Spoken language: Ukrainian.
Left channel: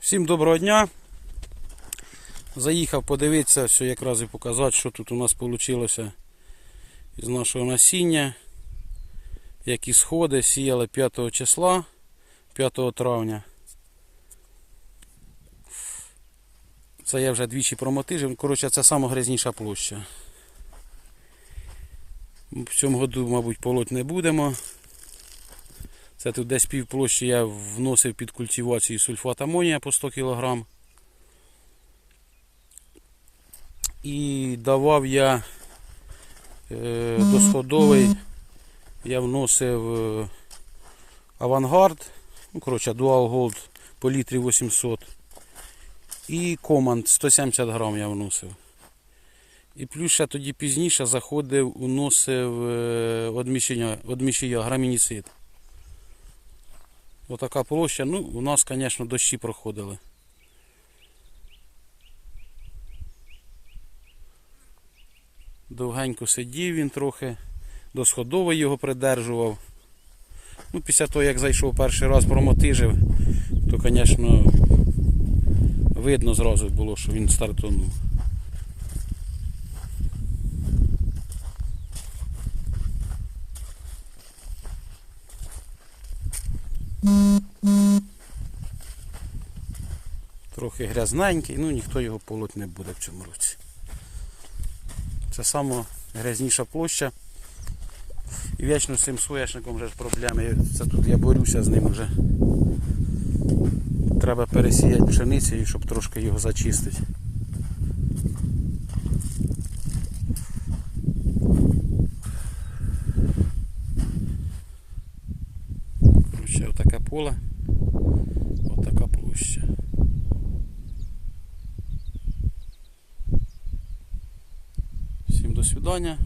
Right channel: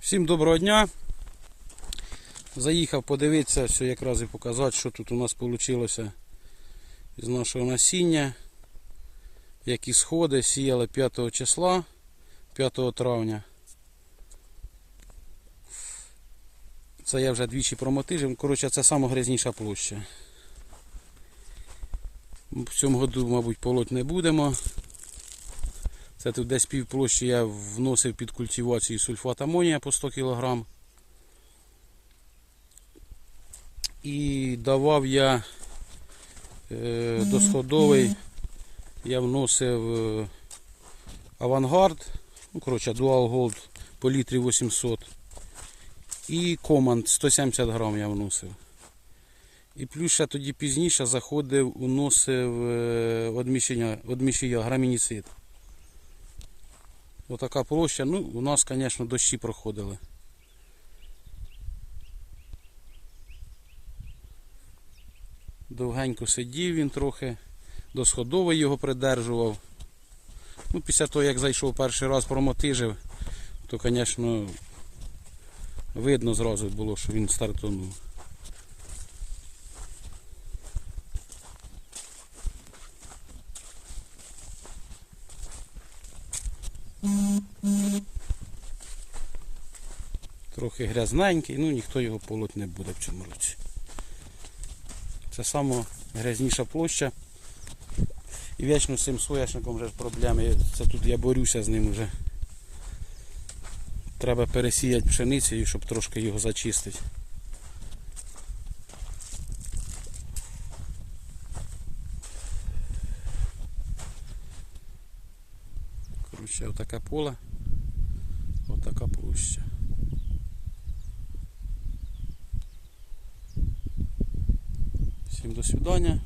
Всім доброго дня. Заїхав подивитися, все якраз і показати, що тут у нас вийшло із нашого насіння. Які сходи сіяли 5 числа, 5 травня. Це я вже двічі промотижив. Коротше, це сама грязніша площа. В цьому году, мабуть, полоть не будемо. Це тут десь пів площі я вносив під культивацію сульфат амонія по 100 кг. І давав я е, досходовий, я вносив е, авангард, ну, коротше, Dual Gold по літрі 800. І команд 170 грам я вносив. І плюс ще тоді пізніше заходив, уносив е, одміщення, одміщення грамініцид. Отака площа. Ну, у нас, звісно, дощі проходили. Довгенько сидів він трохи, до сходової його придержував. Ну, після того, як зайшов перший раз промотижив, то, звісно, видно зразу було, що він стартанув. Трохи грязненький, ну ніхто його полоть не буде в цьому році. Це сама грязніша площа. І вічно з цим соняшником вже проблеми. Це тут я борюся з ним вже. Треба пересіяти пшеницею, щоб трошки його зачистити. Коротше, отаке поле, отака площа. Всім до свидання.